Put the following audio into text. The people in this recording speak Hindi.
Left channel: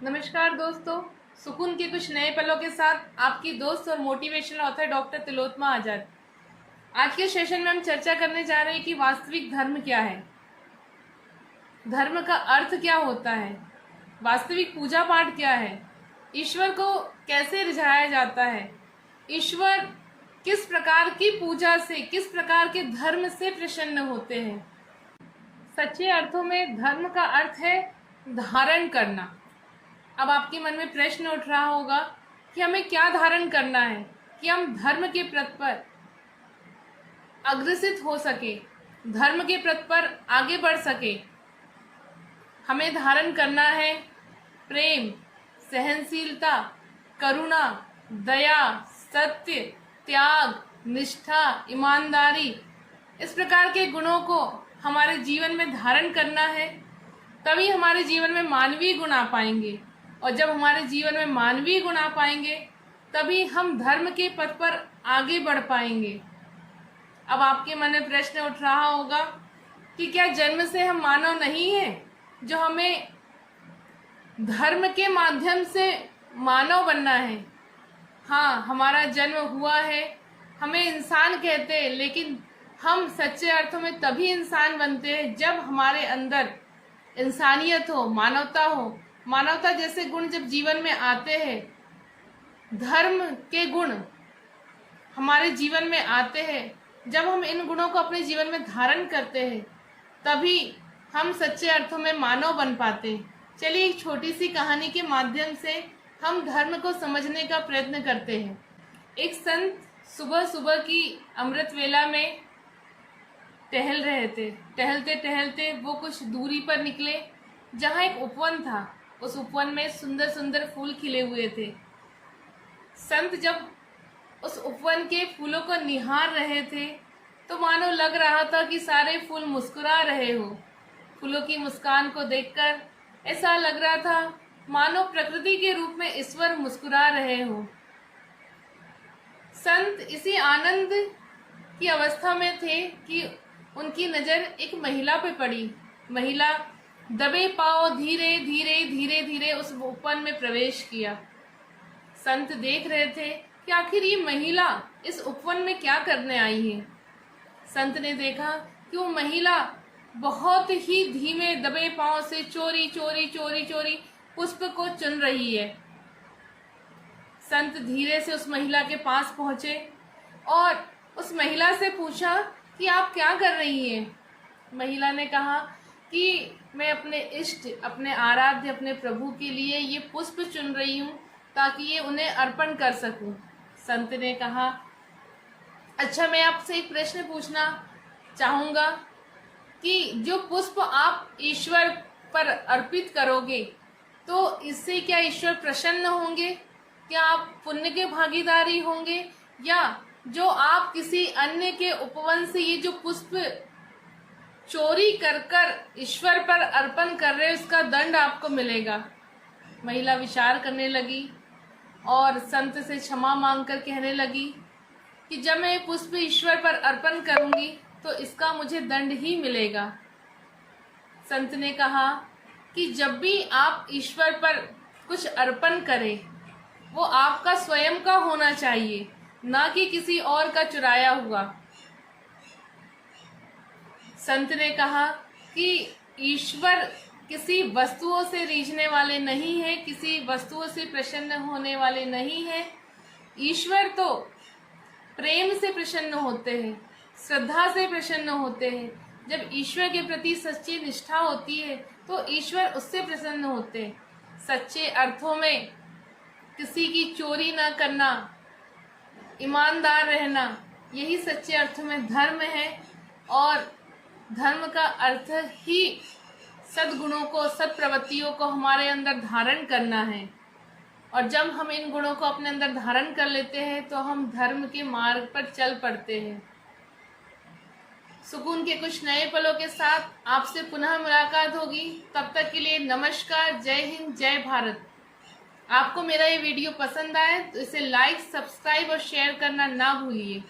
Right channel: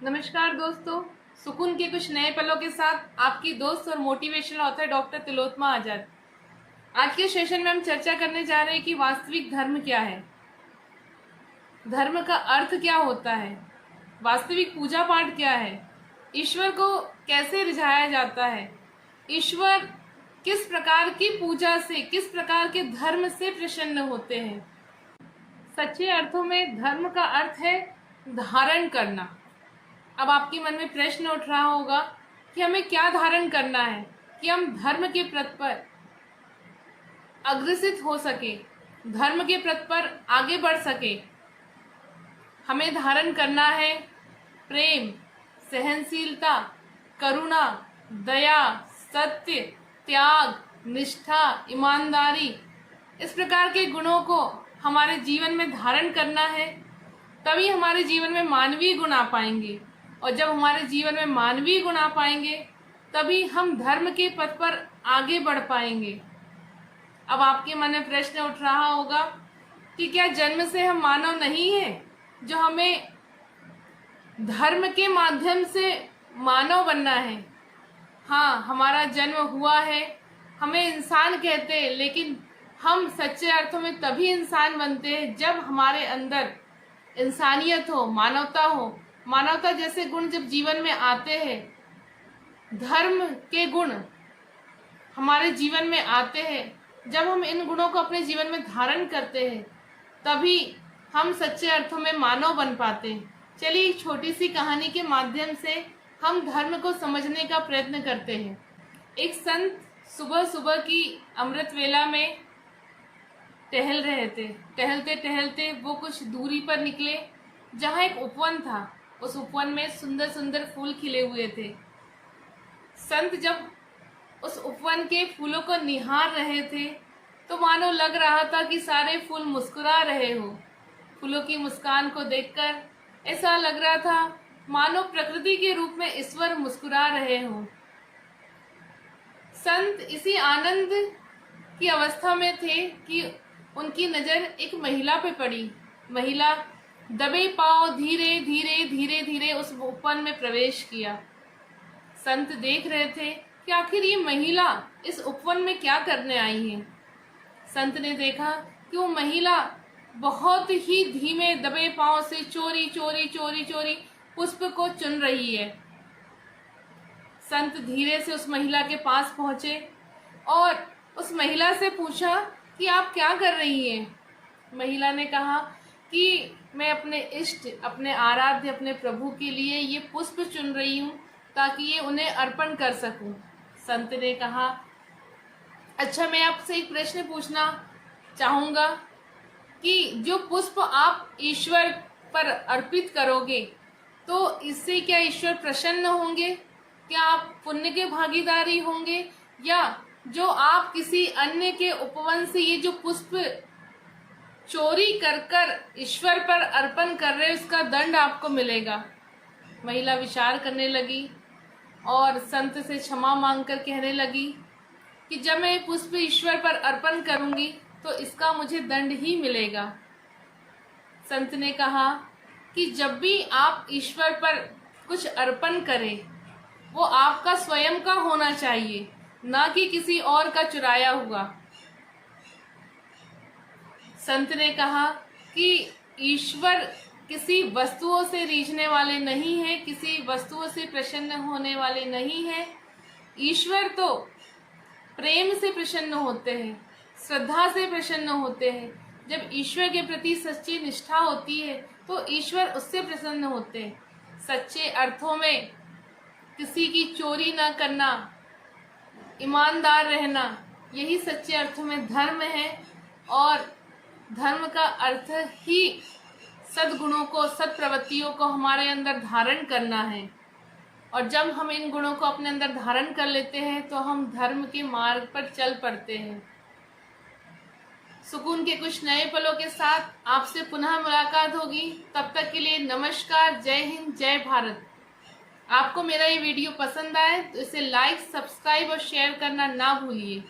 नमस्कार दोस्तों, सुकून के कुछ नए पलों के साथ आपकी दोस्त और मोटिवेशनल ऑथर डॉक्टर तिलोत्तमा आजाद। आज के सेशन में हम चर्चा करने जा रहे हैं कि वास्तविक धर्म क्या है, धर्म का अर्थ क्या होता है, वास्तविक पूजा पाठ क्या है, ईश्वर को कैसे रिझाया जाता है, ईश्वर किस प्रकार की पूजा से, किस प्रकार के धर्म से प्रसन्न होते हैं। सच्चे अर्थों में धर्म का अर्थ है धारण करना। अब आपके मन में प्रश्न उठ रहा होगा कि हमें क्या धारण करना है कि हम धर्म के प्रति पर अग्रसित हो सके, धर्म के प्रति पर आगे बढ़ सके। हमें धारण करना है प्रेम, सहनशीलता, करुणा, दया, सत्य, त्याग, निष्ठा, ईमानदारी, इस प्रकार के गुणों को हमारे जीवन में धारण करना है। तभी हमारे जीवन में मानवीय गुण आ पाएंगे, और जब हमारे जीवन में मानवीय गुण आ पाएंगे तभी हम धर्म के पथ पर आगे बढ़ पाएंगे। अब आपके मन में प्रश्न उठ रहा होगा कि क्या जन्म से हम मानव नहीं हैं, जो हमें धर्म के माध्यम से मानव बनना है। हाँ, हमारा जन्म हुआ है, हमें इंसान कहते हैं, लेकिन हम सच्चे अर्थों में तभी इंसान बनते हैं जब हमारे अंदर इंसानियत हो, मानवता हो। मानवता जैसे गुण जब जीवन में आते हैं, धर्म के गुण हमारे जीवन में आते हैं, जब हम इन गुणों को अपने जीवन में धारण करते हैं, तभी हम सच्चे अर्थों में मानव बन पाते हैं। चलिए एक छोटी सी कहानी के माध्यम से हम धर्म को समझने का प्रयत्न करते हैं। एक संत सुबह सुबह की अमृत वेला में टहल रहे थे। टहलते टहलते वो कुछ दूरी पर निकले, जहाँ एक उपवन था। उस उपवन में सुंदर सुंदर फूल खिले हुए थे। संत जब उस उपवन के फूलों को निहार रहे थे तो मानो लग रहा था कि सारे फूल मुस्कुरा रहे हो। फूलों की मुस्कान को देखकर ऐसा लग रहा था मानो प्रकृति के रूप में ईश्वर मुस्कुरा रहे हो। संत इसी आनंद की अवस्था में थे कि उनकी नजर एक महिला पे पड़ी। महिला दबे पांव धीरे धीरे धीरे धीरे उस उपवन में प्रवेश किया। संत देख रहे थे कि आखिर ये महिला इस उपवन में क्या करने आई है। संत ने देखा कि वो महिला बहुत ही धीमे दबे पांव से चोरी चोरी चोरी चोरी पुष्प को चुन रही है। संत धीरे से उस महिला के पास पहुंचे और उस महिला से पूछा कि आप क्या कर रही हैं। महिला ने कहा कि मैं अपने इष्ट, अपने आराध्य, अपने प्रभु के लिए ये पुष्प चुन रही हूँ ताकि ये उन्हें अर्पण कर सकूं। संत ने कहा, अच्छा मैं आपसे एक प्रश्न पूछना चाहूँगा कि जो पुष्प आप ईश्वर पर अर्पित करोगे तो इससे क्या ईश्वर प्रसन्न होंगे? क्या आप पुण्य के भागीदारी होंगे, या जो आप किसी अन्य के उपवन से ये जो पुष्प चोरी कर कर ईश्वर पर अर्पण कर रहे उसका दंड आपको मिलेगा? महिला विचार करने लगी और संत से क्षमा मांगकर कहने लगी कि जब मैं पुष्प ईश्वर पर अर्पण करूंगी तो इसका मुझे दंड ही मिलेगा। संत ने कहा कि जब भी आप ईश्वर पर कुछ अर्पण करें वो आपका स्वयं का होना चाहिए, ना कि किसी और का चुराया हुआ। संत ने कहा कि ईश्वर किसी वस्तुओं से रीझने वाले नहीं है, किसी वस्तुओं से प्रसन्न होने वाले नहीं है। ईश्वर तो प्रेम से प्रसन्न होते हैं, श्रद्धा से प्रसन्न होते हैं। जब ईश्वर के प्रति सच्ची निष्ठा होती है तो ईश्वर उससे प्रसन्न होते हैं। सच्चे अर्थों में किसी की चोरी न करना, ईमानदार रहना, यही सच्चे अर्थों में धर्म है। और धर्म का अर्थ ही सद्गुणों को, सत्प्रवृत्तियों को हमारे अंदर धारण करना है। और जब हम इन गुणों को अपने अंदर धारण कर लेते हैं तो हम धर्म के मार्ग पर चल पड़ते हैं। सुकून के कुछ नए पलों के साथ आपसे पुनः मुलाकात होगी। तब तक के लिए नमस्कार, जय हिंद, जय भारत। आपको मेरा ये वीडियो पसंद आए तो इसे लाइक, सब्सक्राइब और शेयर करना ना भूलिए।